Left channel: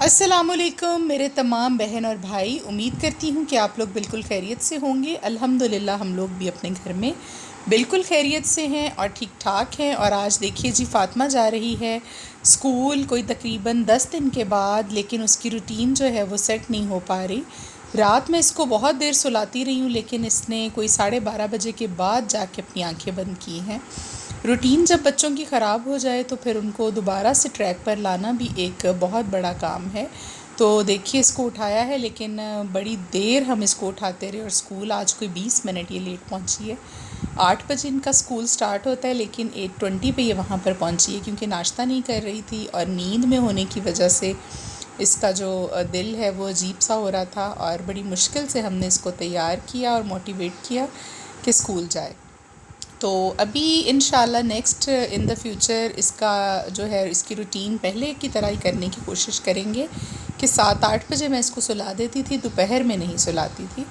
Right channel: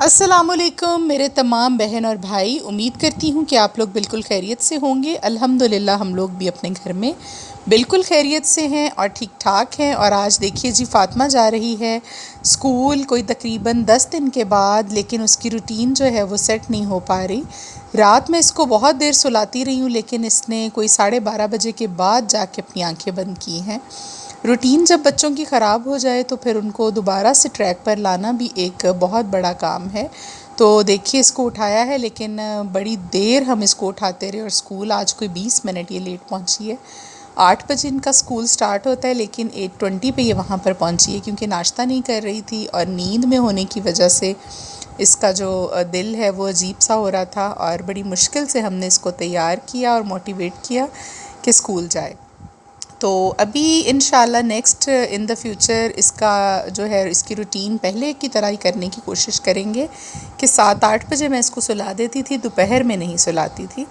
السلام علیکم میرے تمام بہن اور بھائی، امید کرتی ہوں کہ آپ لوگ بالکل خیریت سے ہوں گے۔ الحمدللہ ہم لوگ بھی اپنے گھر میں بالکل خیریت سے ہیں اور ٹھیک ٹھاک ہیں۔ اور آج دیکھیے جی، فاطمہ جا رہی ہے اسکول کوئی تقریباً 10 دن کے بعد، لیکن اس کی روٹین جو ہے وہ سیٹ نہیں ہو پا رہی۔ رات میں اس کو بہت دیر سلاتی رہی ہوں، لیکن اس نے کوئی 12:30 بجے کے بعد جا کے اپنی آنکھیں بند کی ہیں۔ روٹین جب بچوں کی خراب ہو جائے تو پھر ان کو دوبارہ سے ٹریک پر لانا بھی ایک بہت بڑا کام ہے۔ تو دیکھیے اس کو اٹھایا ہے، لیکن بڑی دیر ہم اس کو اٹھاتے رہے، اور اسکول آج کوئی 20 منٹ یہ لیٹ پہنچی ہے۔ 8 بجے ان کا اسکول سٹارٹ ہوتا ہے، لیکن 8:20 پہ یہ وہاں پر پہنچی ہے، کیونکہ ناشتہ نہیں کر رہی تھی اور نیند میں ہونے کی وجہ سے اس کا جو دل ہے وہ عجیب سا ہو رہا تھا، اور بڑی مشکل سے ہم نے اس کو تیار کیا اور موٹیویٹ کیا کہ اسکول جائے۔ تو ابھی انشاءاللہ نیکسٹ ان دا فیوچر اس کا جو ہے اس کی روٹین پہلے کی طرح ہی کرنے کی کوشش کریں گے کہ 7-8 بجے میں اس کو سلا دیتی تھی، دوپہر میں نہیں سلاتی تھی،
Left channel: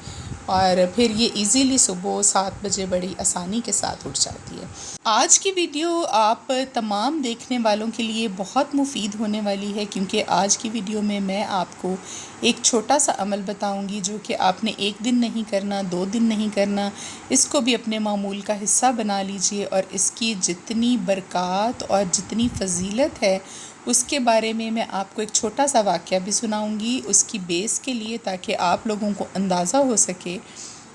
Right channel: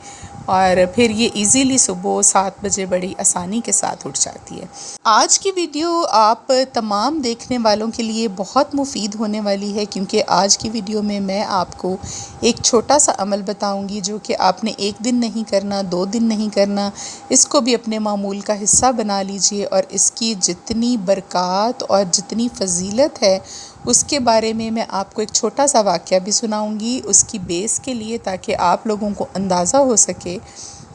اور پھر یہ ایزیلی صبح 7 بجے بڑی آسانی کے ساتھ اٹھ جاتی ہے۔ آج کی ویڈیو آپ تمام دیکھنے والوں کے لیے بہت مفید ہونے والی ہے، کیونکہ آج کی ویڈیو میں آپ کو ایک چھوٹا سا عمل بتاؤں گی جو کہ آپ نے 1 دن نہیں کرنا، 2 دن نہیں کرنا، اس کو بھی اپنے معمول کا حصہ بنا لیجئے، اور اس کی جتنی برکات اور جتنی فضیلت ہے اس کے بارے میں آپ کو ایک چھوٹا سا واقعہ بھی سناؤں گی اس کی بیس کے لیے، تاکہ آپ لوگوں کو اندازہ ہو سکے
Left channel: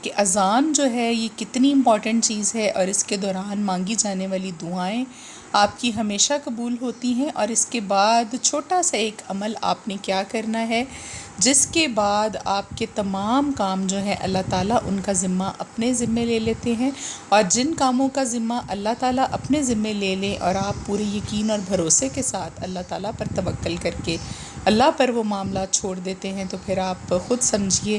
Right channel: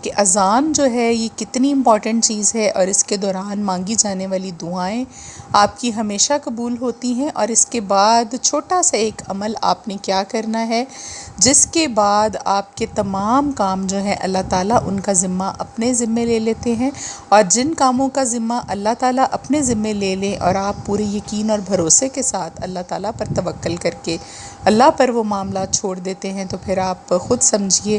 کہ اذان جو ہے یہ کتنی امپورٹنٹ چیز ہے، اور اس کے دوران مانگی جانے والی دعائیں آپ کی ہمیشہ قبول ہوتی ہیں۔ اور اس کے بعد چھوٹا سا ایک عمل آپ نے کیا کرنا ہے، جس کے بعد آپ کے تمام کام جو ہیں اللہ تعالیٰ ان کا ذمہ اپنے ذمے لے لیتے ہیں، اور جن کاموں کا ذمہ اللہ تعالیٰ اپنے ذمے لے لیں اور آپ پورے یقین اور بھروسے کے ساتھ اللہ تعالیٰ پر توکل کر کے اللہ پر وہ معاملات چھوڑ دیتے ہیں، تو پھر آپ خود سمجھیے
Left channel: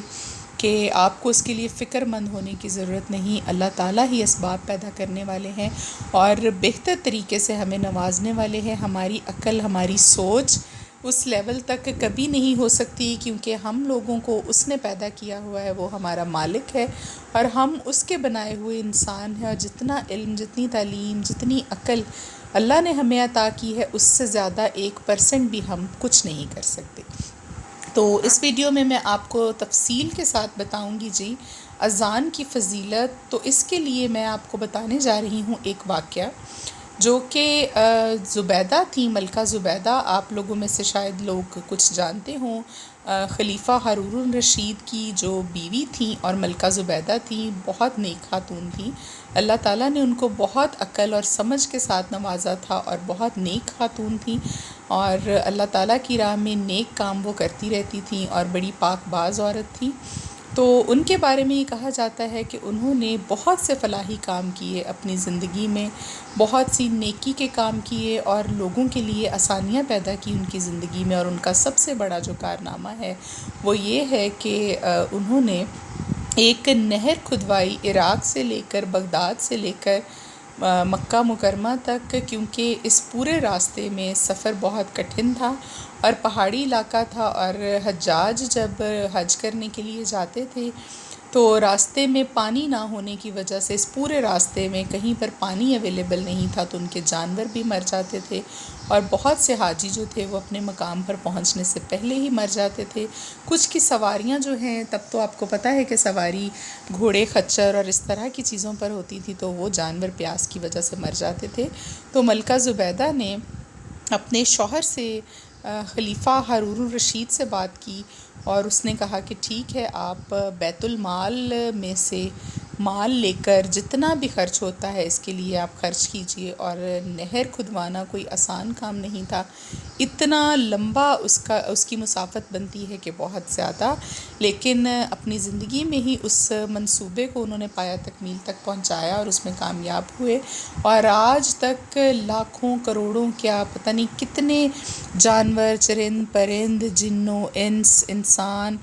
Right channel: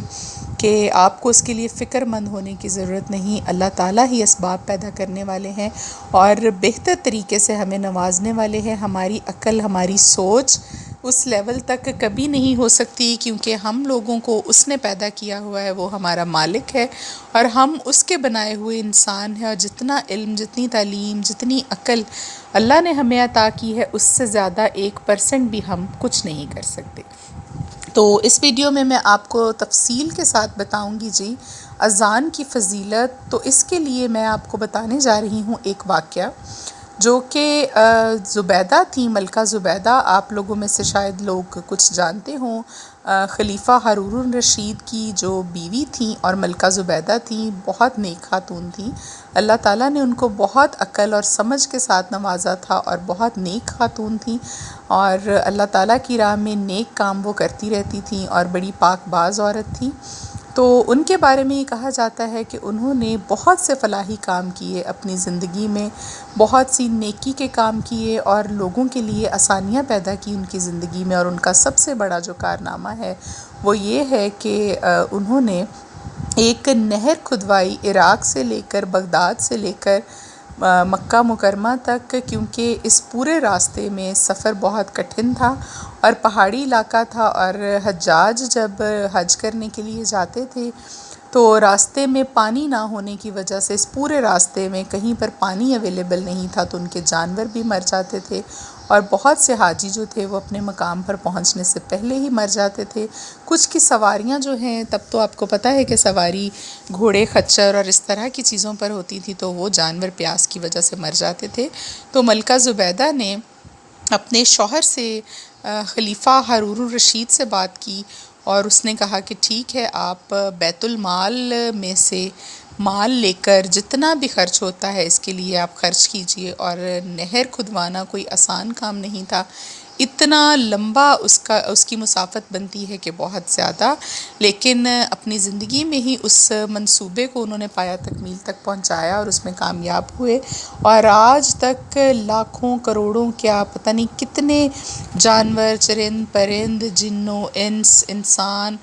کہ آپ کو اس کے لیے فکر مند ہونے کی ضرورت نہیں۔ اللہ تعالیٰ ہی اسباب پیدا کرنے والے ہیں اور بہتر طریقے سے ہمیں نوازنے والے ہیں۔ ہماری عقل، ہماری سوچ اس لیول تک کبھی نہیں ہو سکتی، کیونکہ ہم لوگوں کو اس نے پیدا کیا ہوا ہے، وہ ہمارا مالک ہے، اور ہم اس کے بنائے ہوئے انسان ہیں، اور جتنا علم، جتنی تعلیم، جتنی عقل اللہ نے ہمیں عطا کی ہے، اس سے زیادہ 1% بھی ہم کچھ نہیں کر سکتے۔ تو اس ویڈیو میں آپ کو تفصیل کے ساتھ بتاؤں گی جی اذان کی فضیلت۔ تو اس کے لیے میں آپ کو بتانے جا رہی ہوں ایک واقعہ، جو کہ زبیدہ تھیں، ملکہ زبیدہ، آپ لوگوں میں سے شاید لوگ کچھ جانتے ہوں۔ خلیفہ ہارون الرشید کی جو بیوی تھیں اور ملکہ زبیدہ تھیں، بہت نیک خاتون تھیں۔ اللہ تعالیٰ نے ان کو بہت عقل اور سمجھ کے ساتھ نوازا تھا، اور بہت نیک خاتون تھیں، اور اللہ تعالیٰ کی راہ میں نیک کام وہ کرتی رہتی تھیں، اور بڑی پاک باز عورت تھیں۔ تو ان کے بارے میں یہ کہا جاتا ہے کہ انہوں نے بہت سے فلاحی کام کیے اپنی زندگی میں، بہت سی نیکی کے کام کیے، اور لوگوں کے لیے آسانیاں پیدا کی ان کی زندگی میں۔ اور ان کا سب سے بڑا جو کارنامہ ہے وہ یہ ہے کہ انہوں نے ایک نہر کھدوائی، عراق سے لے کر، بغداد سے لے کر مکہ مکرمہ تک، کیونکہ اس پورے راستے میں سفر بہت کٹھن تھا اور پہاڑی علاقہ تھا، اور حجاج جب حج کرنے کے لیے جاتے تھے تو راستے میں پانی نہ ہونے کی وجہ سے، اس پورے راستے میں کہیں پر پانی اویلیبل نہیں تھا، تو ان کے جانور بھی مر جاتے تھے، اور بہت سے حاجی جو تھے وہ اپنے مقام پر پہنچنے سے پہلے ہی مر جاتے تھے۔ کچھ کی سواریاں جو ہیں، تب تو آپ کو پتہ ہے کہ سواری گھوڑے، خچر اور اس طرح کی چیزوں پر ہوتی تھی، تو وہ جانور پیاس کی وجہ سے مر جاتے تھے۔ تو ملکہ زبیدہ نے اپنے شوہر سے، خلیفہ ہارون الرشید سے بات کی، اور اس نے کہا کہ ٹھیک ہے، آپ بیت المال میں سے مال لے کر جتنا بھی خرچ ہوتا ہے اس کے لیے آپ خرچ کیجئے۔ اور نہر کھدوانا کوئی آسان کام نہیں تھا، اتنا لمبا اس کی مسافت بنتی ہے کہ بہت زیادہ، لیکن اپنی زندگی میں ہی اس منصوبے کو انہوں نے پایا تکمیل تک پہنچایا اور اس میں کامیاب ہوئے، اور آج تک لاکھوں کروڑوں، کیا پتہ نہیں کتنے جانور، چرند پرند، جنوں انس، انسان،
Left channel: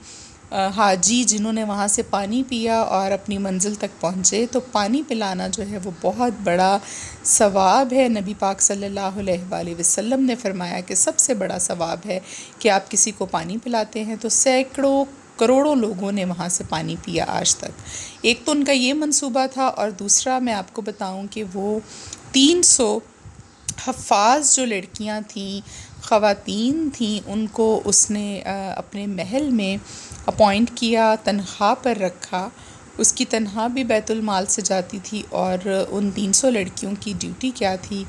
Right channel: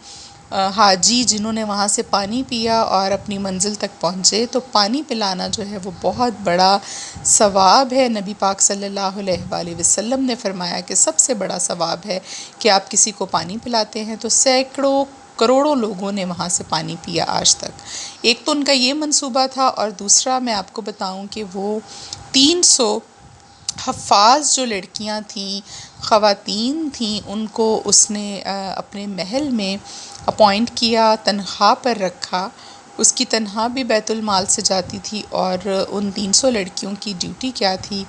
حاجی جنہوں نے وہاں سے پانی پیا اور اپنی منزل تک پہنچے۔ تو پانی پلانا جو ہے وہ بہت بڑا ثواب ہے۔ نبی پاک صلی اللہ علیہ وآلہ وسلم نے فرمایا کہ سب سے بڑا ثواب ہے کہ آپ کسی کو پانی پلاتے ہیں، تو سینکڑوں کروڑوں لوگوں نے وہاں سے پانی پیا آج تک۔ ایک تو ان کا یہ منصوبہ تھا، اور دوسرا میں آپ کو بتاؤں کہ وہ 300 حفاظ جو لڑکیاں تھیں، خواتین تھیں ان کو اس نے اپنے محل میں اپوائنٹ کیا، تنخواہ پر رکھا. اس کی تنخواہ بھی بیت المال سے جاتی تھی، اور ان 300 لڑکیوں کی ڈیوٹی کیا تھی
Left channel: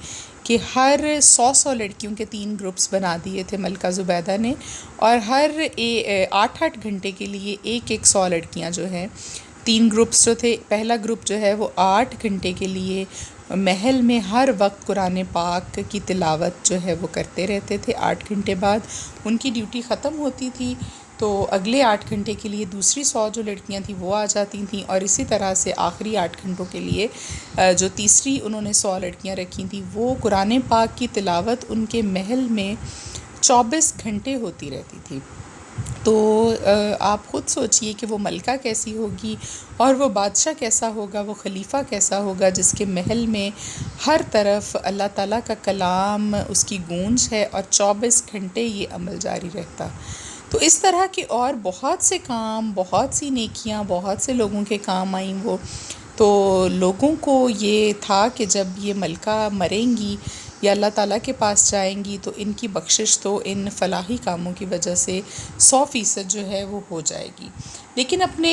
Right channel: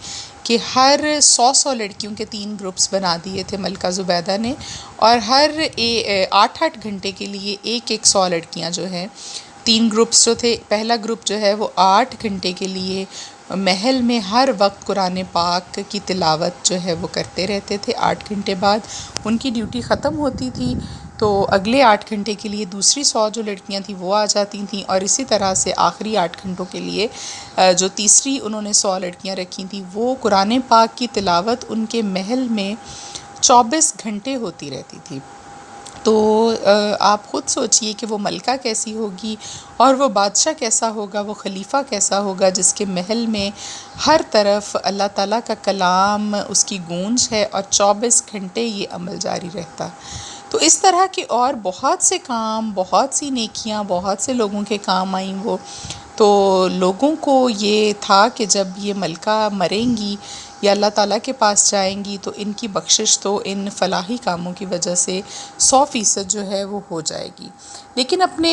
کہ ہر 100 لڑکیوں کے 3 گروپس بنا دیے تھے ملکہ زبیدہ نے، اور ہر 8 گھنٹے کے لیے ایک 100 لڑکیاں جو ہیں، 3 گروپس جو تھے، پہلا گروپ جو ہے وہ 8 گھنٹے کے لیے محل میں ہر وقت قرآن پاک کی تلاوت جو ہے وہ کرتے رہتے تھے. 8 گھنٹے بعد ان کی ڈیوٹی ختم ہوتی تھی، تو اگلے 8 گھنٹے کے لیے دوسری 100 جو لڑکیاں تھیں وہ آ جاتی تھیں، اور اسی طرح سے آخری 8 گھنٹوں کے لیے جو تیسری انہوں نے 100 لڑکیاں رکھی تھیں وہ قرآن پاک کی تلاوت ان کے محل میں 24 گھنٹے ہوتی رہتی تھی. تو آپ خود سوچئے کہ وہ ملکہ کیسی ہوگی، اور وہ بادشاہ کیسا ہوگا، وہ خلیفہ کیسا ہوگا جس کے محل میں ہر طرف اللہ تعالیٰ کا کلام اس کی گونج ہے، اور 24 گھنٹے یہ عمل جاری رہتا. تو اس طرح کے اور بہت سے کام، بہت سی نیکیاں، بہت سے لوگوں کے کام آئیں وہ. تو لوگوں کو یہ تھا کہ جب یہ ملکہ مریں گی یا اللہ تعالیٰ کے پاس جائیں گی تو ان کی بخشش تو ان فلاحی کاموں کی وجہ سے 100% جو ہے وہ ہو جائے گی. لیکن اپنے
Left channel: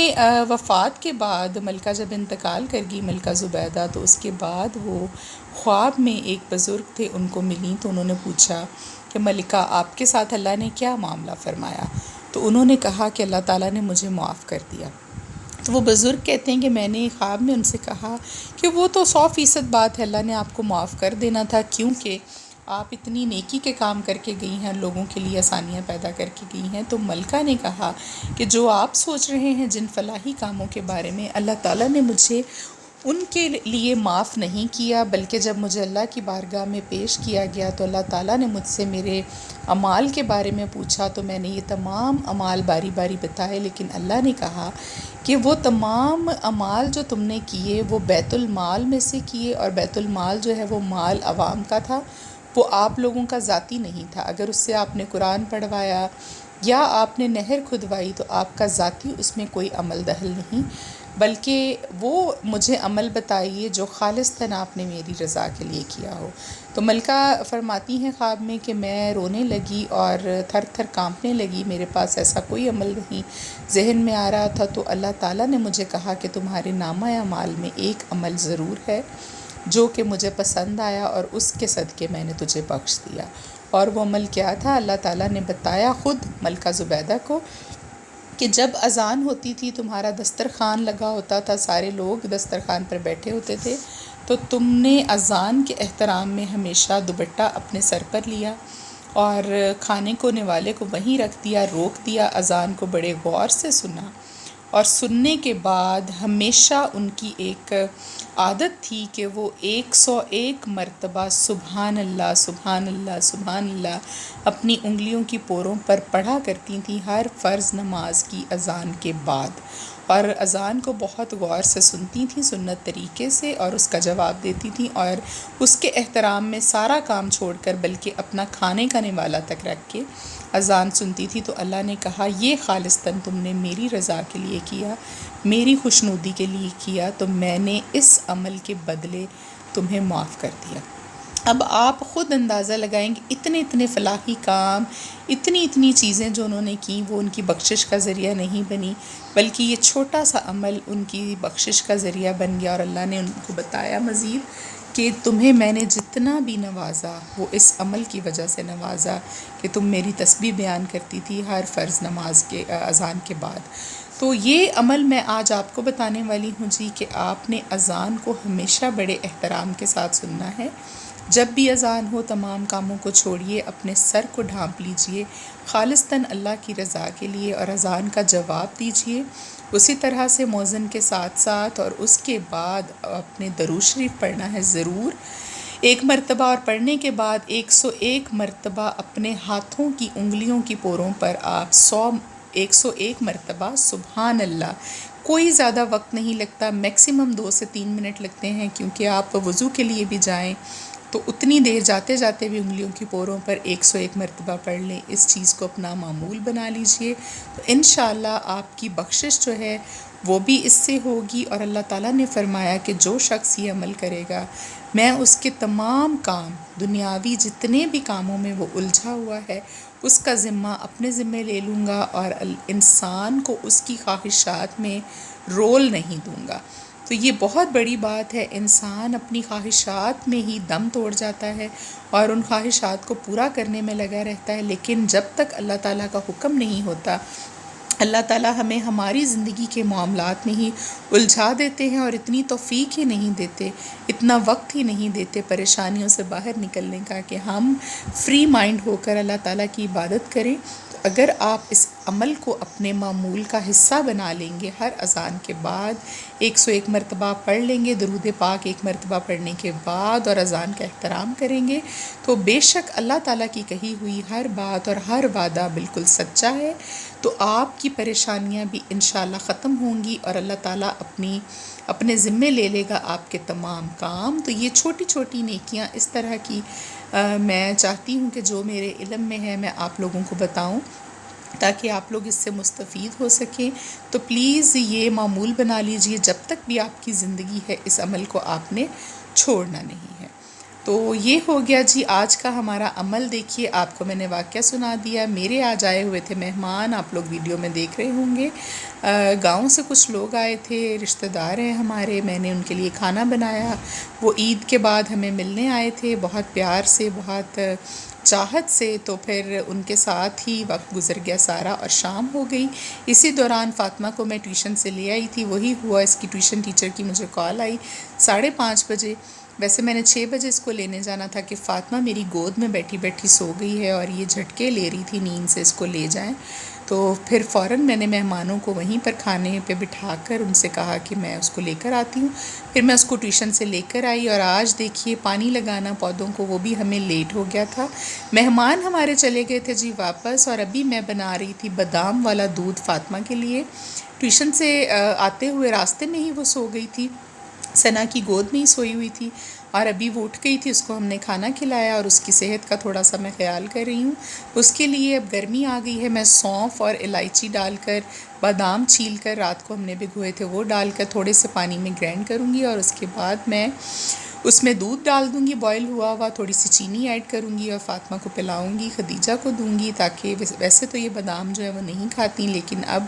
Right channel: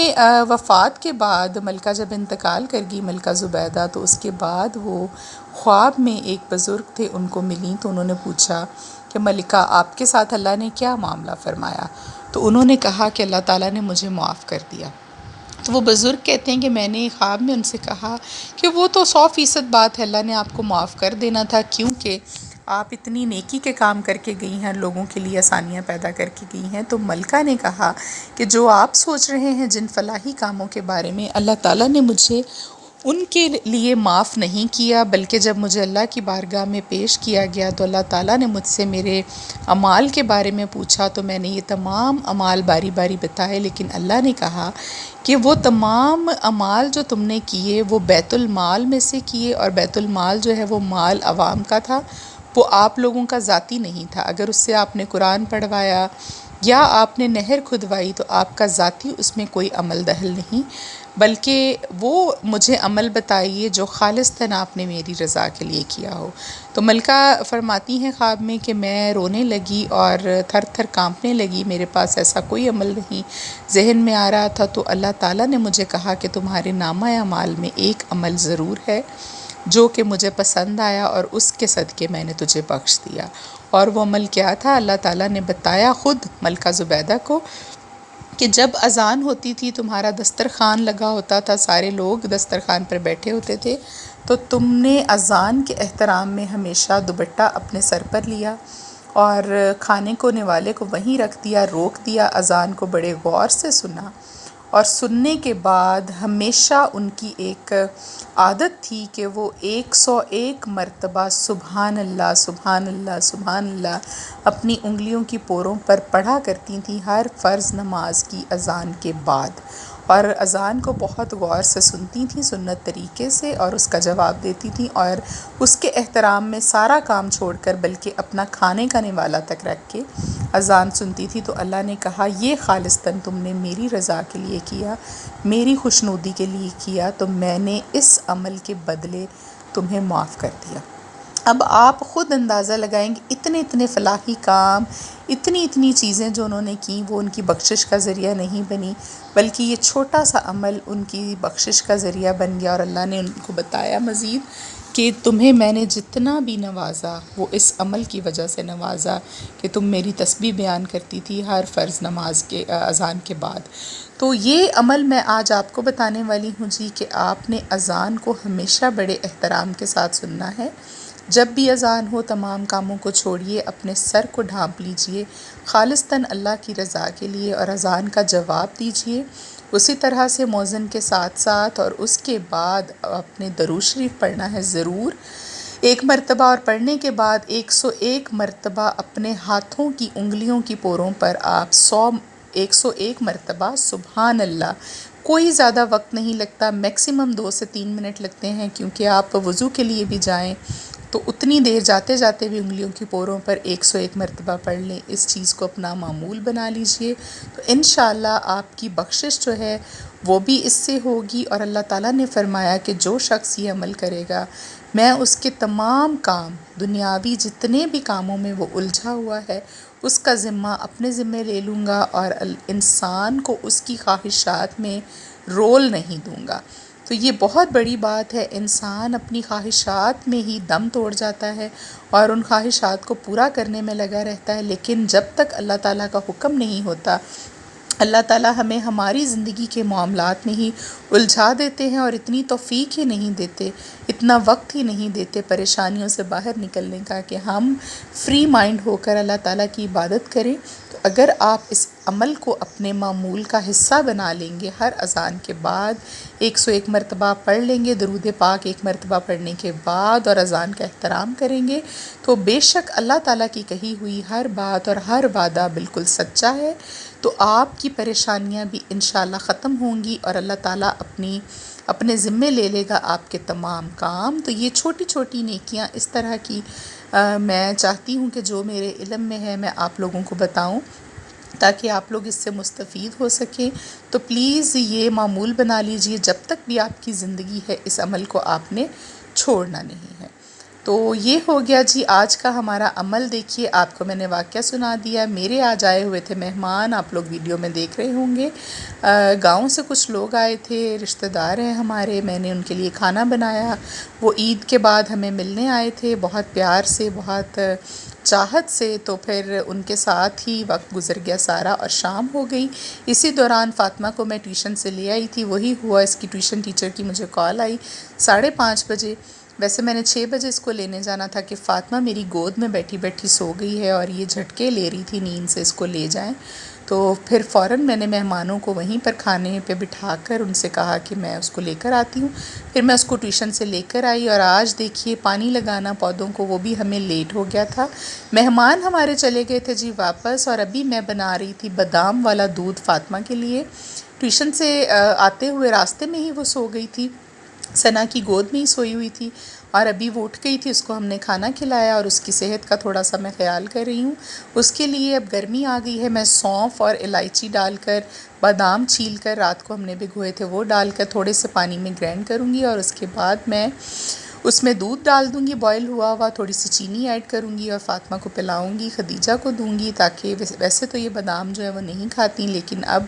وفات کے بعد ملکہ جب انتقال کر گئی ملکہ زبیدہ، تو اس کے بعد وہ خواب میں ایک بزرگ تھے ان کو ملیں، تو انہوں نے پوچھا کہ ملکہ آپ کے ساتھ اللہ نے کیا معاملہ فرمایا؟ تو انہوں نے کہا کہ اللہ تعالیٰ نے مجھے معاف کر دیا. تو وہ بزرگ کہتے ہیں کہ میں نے خواب میں ان سے کہا کہ وہ تو 100% بات ہے، اللہ نے آپ کو معاف کر دینا تھا، کیونکہ آپ اتنی نیکی کے کام کر کے گئی ہیں، لوگوں کے لیے آسانیاں پیدا کر کے گئی ہیں. تو ملکہ نے کہا کہ جو آپ سوچ رہے ہیں جن فلاحی کاموں کے بارے میں، اللہ تعالیٰ نے مجھے ان کے لیے معاف نہیں کیا، بلکہ جب مجھے اللہ کی بارگاہ میں پیش کیا گیا تو اللہ تعالیٰ نے مجھ سے میرے اعمال کے بارے میں پوچھا، تو میں نے یہ تمام اعمال باری باری بتائے، لیکن اللہ نے کہا کہ وہ تمام اعمال جو تم نے کیے وہ بیت المال میں سے کیے، اور بیت المال جو ہے وہ مال عوام کا تھا، وہ آپ لوگوں کا ذاتی نہیں تھا. اگر اس سے آپ نے قرآن پڑھوایا یا آپ نے نہر کھدوائی تو آپ کا ذاتی اس میں کوئی عمل دخل نہیں، بلکہ وہ مجھے عمل بتائیے جو خالصتاً آپ نے میری رضا کے لیے کیا ہو. تو ملکہ فرماتی ہیں خواب میں کہ میں رونے لگی اور تھر تھر کانپنے لگی، میرے پاس ایسا کوئی عمل نہیں ذہن میں آ رہا تھا. تو اللہ تعالیٰ نے مجھے کہا کہ تمہارے نامہ اعمال میں ایک عمل ضرور ہے جو کہ مجھے پسند آیا، اور اس کے صدقے میں نے تجھے بخش دیا. اور وہ عمل کیا تھا؟ اللہ تعالیٰ نے بتایا خود ملکہ زبیدہ کو کہ جب اذان ہوتی تھی تمہارا دسترخوان لگا ہوتا تھا، سارے لوگ دسترخوان پر بیٹھے ہوتے تھے، تو تم نے اذان کے احترام میں ہمیشہ دوپٹہ اپنے سر پر لیا اور کھانے کو نوالے کو وہیں رکھ دیا، روک دیا، اذان کو بڑے غور سے سنا، اور سننے کے بعد ہمیشہ ان کی ایک عادت تھی کہ وہ 101 مرتبہ سبحان اللہ سبحان اللہ سبحان اللہ اپنی انگلیوں کی پوروں پر پڑھا کرتی تھیں ہر فرض نماز کی اذان کے بعد، اور اذان کو بہت غور سے سنتی تھیں، سنت طریقے سے، اور اس کا جواب دیتی تھیں، اور اس کے احترام میں سارا کام چھوڑ کر بلکہ اپنا کھانے کا نوالا تک رکھ کے اذان سنتی تھی. تو اللہ نے کہا یہ خالصتاً تم نے میری رضا کے لیے کیا، میری خوشنودی کے لیے کیا، تو میں نے اس عمل کے بدلے تمہیں معاف کر دیا. اب آپ خود اندازہ لگائیں گے اتنے اتنے فلاحی کام، اتنی اتنی چیزیں جو انہوں نے کیں وہ ان کی بخشش کا ذریعہ نہیں بنی، بلکہ یہ چھوٹا سا عمل ان کی بخشش کا ذریعہ بن گیا. اور اللہ نے ان کو بتایا مزید کہ تمہیں میں نے جتنا بھی نوازا وہ اس عمل کی وجہ سے نوازا کہ تم میری تسبیح بیان کرتی تھی ہر فرض نماز کے اذان کے بعد. تو یہ عمل میں آج آپ کو بتانے والی ہوں جی کہ آپ نے اذان کو ہمیشہ بڑے احترام کے ساتھ سننا ہے. جب بھی اذان ہو تمام کاموں کو چھوڑیے، اپنے سر کو ڈھانپ لیجئے خالصتاً اللہ کی رضا کے لیے، اور اذان کا جواب دیجئے اسی طرح سے مؤذن کے ساتھ ساتھ، اور اس کے بعد اپنے درود شریف پڑھنا ہے ضرور 1 مرتبہ، اور پڑھنے کے بعد 101 مرتبہ اپنے ہاتھوں کی انگلیوں کی پوروں پر آپ 101 مرتبہ سبحان اللہ. کوئی زیادہ وقت نہیں لگتا، میکسیمم 2 سے 3 منٹ لگتے ہیں، کیونکہ آپ وضو کے لیے بھی جائیں تو اتنی دیر جاتے جاتے بھی انگلیوں کی پوروں پر 101 مرتبہ پڑھ لیں. اس چیز کو اپنا معمول بنا لیجئے، تو انشاءاللہ آپ کی بخشش جو ہے وہ بھی اس سے ہوگی. اور اللہ تعالیٰ نے فرمایا کہ جو شخص یہ عمل کرے گا میں اس کے تمام کام دنیاوی جتنے بھی کاموں میں وہ الجھا ہوا ہے اس کا ذمہ اپنے ذمے لے لوں گا، اور انسان کو اس کی خواہشات میں رول نہیں دوں گا۔ تو یہ بہت بڑی بات ہے، انسان اپنی خواہشات میں ہی دم توڑ جاتا ہے اور ان خواہشات کو پورا کرنے میں لگا رہتا ہے، لیکن جب تک اللہ تعالیٰ کا حکم نہیں ہوتا، اللہ تعالیٰ ہمیں ہماری زندگی کے معاملات میں ہی الجھا دیتے ہیں اور اتنی توفیق ہی نہیں دیتے، اتنا وقت ہی نہیں دیتے پریشانیوں سے باہر نکلنے کا کہ ہم فری مائنڈ ہو کر اللہ تعالیٰ کی عبادت کریں۔ تو اگر آپ اس عمل کو اپنے معمول کا حصہ بنا لیں گے، ہر اذان کے بعد 101 مرتبہ پڑھ لیں گے، درود پاک 1 مرتبہ پڑھنے کے بعد، اور اذان کا احترام کریں گے، تو بے شک اللہ تعالیٰ کی کہی ہوئی ہر بات اور ہر وعدہ بالکل سچا ہے۔ تو آپ کی پریشانیاں بھی انشاءاللہ ختم ہوں گی اور اللہ تعالیٰ اپنے ذمے لے لے گا آپ کے تمام کام۔ تو یہ چھوٹی چھوٹی نیکیاں اس طرح کی میں چاہتی ہوں کہ جو میرے علم میں ہے میں آپ لوگوں کو بتاؤں تاکہ آپ لوگ اس سے مستفید ہو سکیں۔ تو پلیز یہ معمول بنا لیجئے، جب تک بھی آپ کی زندگی ہے اس عمل کو آپ نے چھوڑنا نہیں ہے۔ تو یہ ہو گیا جی آج کا ہمارا عمل۔ دیکھیے آپ کو میں نے واقعہ سنا دیا، میرے آج آئے ہوئے تھے مہمان، آپ لوگ ویڈیو میں دیکھ رہے ہوں گے۔ گاؤں سے کچھ لوگ آئے تھے، رشتہ دار ہیں ہمارے، میں نے ان کے لیے کھانا بنایا۔ وہ عید کے بعد ہمیں ملنے آئے تھے، بہت پیار سے، بہت چاہت سے، تو پھر ان کے ساتھ ہی وقت گزر گیا سارا اور شام ہو گئی۔ اسی دوران فاطمہ کو میں ٹیوشن سے لے آئی تھی، وہی ہوا اس کی ٹیوشن ٹیچر کی مجھے کال آئی 5:30 بجے۔ ویسے میں نے 6 بجے اس کو لینے جانا تھا کہ فاطمہ میری گود میں بیٹھی بیٹھی سو گئی ہے اور یہ جھٹکے لے رہی تھی نیند سے، اس کو لے جائیں۔ تو پھر فوراً میں نے مہمانوں کو وہیں پر کھانے پہ بٹھا کر ان سے کہا کہ میں اس کو لے کر آتی ہوں۔ پھر میں اس کو ٹیوشن سے لے کر آئی، اور آج دیکھیے پانی لگانا پودوں کو وہ بھی ہمیں لیٹ ہو گیا تھا۔ مہمان ہمارے چلے گئے تھے جی واپس، اور ابھی میں بنا رہی تھی بادام والا دودھ فاطمہ کے لیے۔ ٹیوشن سے آتے ہوئے راستے میں ہی وہ سو گئی تھی، ثنا کی گود میں ہی سوئی ہوئی تھی، اور ابھی وہ اٹھ گئی تھی، اس کو ہم نے کھانا کھلایا اور اس کی صحت کا تھوڑا سا میں خیال کر رہی ہوں۔ اس کے لیے اب گرمی آ گئی ہے، میں سونف اور الائچی ڈال کر، بادام چھیل کر رات کو ہم نے بھگوئے تھے وہ ڈال کر تھوڑے سے پانی میں گرینڈ کروں گی، اور اس کے بعد میں اس میں دودھ ڈال دوں گی بوائل ہوا ہوا، تھوڑی سی چینی ایڈ کروں گی اور فاطمہ کو پلاؤں گی، خدیجہ کو دوں گی، تاکہ ویسے تو یہ بادام جو ہے وہ نہیں کھاتی، لیکن اب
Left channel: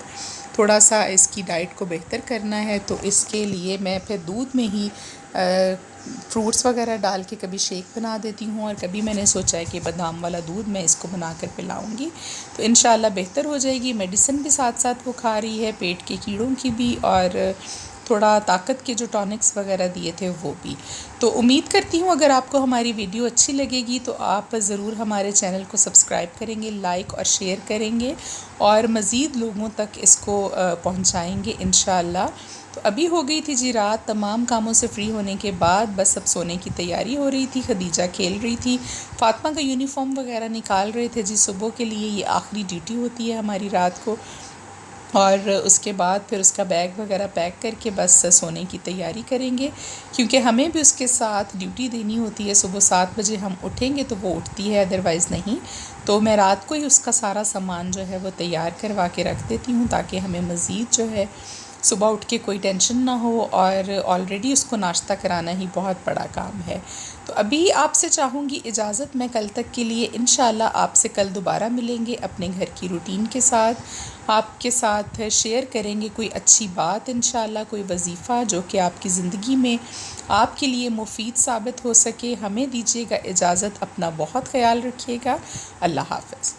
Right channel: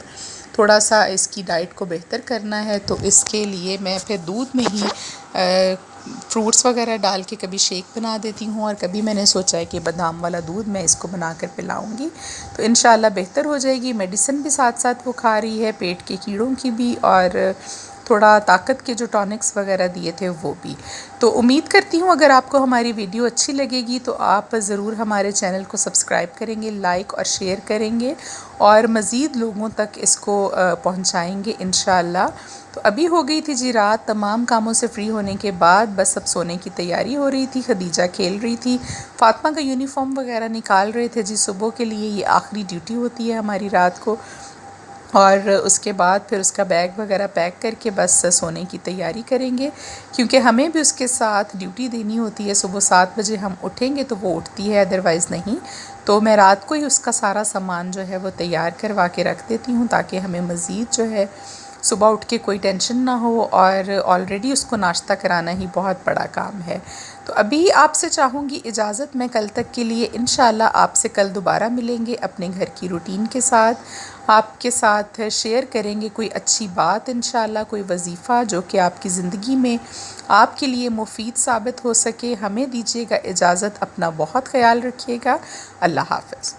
تھوڑا سا اس کی ڈائٹ کو بہتر کرنا ہے، تو اس کے لیے میں پھر دودھ میں ہی فروٹس وغیرہ ڈال کے کبھی شیک بنا دیتی ہوں، اور کبھی میں نے سوچا ہے کہ بادام والا دودھ میں اس کو بنا کر پلاؤں گی، تو انشاءاللہ بہتر ہو جائے گی۔ میڈیسن بھی ساتھ ساتھ وہ کھا رہی ہے، پیٹ کے کیڑوں کی بھی، اور تھوڑا طاقت کے جو ٹونکس وغیرہ دیے تھے وہ بھی۔ تو امید کرتی ہوں اگر آپ کو ہماری ویڈیو اچھی لگے گی تو آپ ضرور ہمارے چینل کو سبسکرائب کریں گے، لائک اور شیئر کریں گے، اور مزید لوگوں تک اس کو پہنچائیں گے انشاءاللہ۔ تو ابھی ہو گئی تھی جی رات، تمام کاموں سے فری ہونے کے بعد بس اب سونے کی تیاری ہو رہی تھی، خدیجہ کھیل رہی تھی، فاطمہ کا یونیفارم وغیرہ نکال رہے تھے جی، صبح کے لیے یہ آخری ڈیوٹی ہوتی ہے ہماری رات کو، اور اس کے بعد پھر اس کا بیگ وغیرہ پیک کر کے بس سونے کی تیاری کریں گے، کیونکہ ہمیں بھی اس کے ساتھ ڈیوٹی دینی ہوتی ہے۔ صبح 7 بجے ہم اٹھیں گے تو وہ اٹھتی ہے، ادروائز نہیں، تو میں رات کو ہی اس کا سارا سامان جو ہے وہ تیار کروا کے رکھ دیتی ہوں، تاکہ ہمیں مزید جو ہے صبح اٹھ کے کوئی ٹینشن نہ ہو، اور آلریڈی اس کو ناشتہ کرانا ہی بہت بڑا کام ہے۔ تو ابھی آپ سے چاہوں گی اجازت، میں کل تک کے لیے انشاءاللہ آپ سے کل دوبارہ ملیں گے اپنے گھر کی روٹین کے ساتھ، آپ کے ساتھ شیئر کریں گے کوئی اچھی بات انشاءاللہ، کوئی وظیفہ جو کہ آپ کی زندگی میں آپ کے لیے مفید ثابت ہو سکے۔ ہمیں دیجیے گا اجازت، اپنا بہت خیال رکھیے گا، اللہ حافظ۔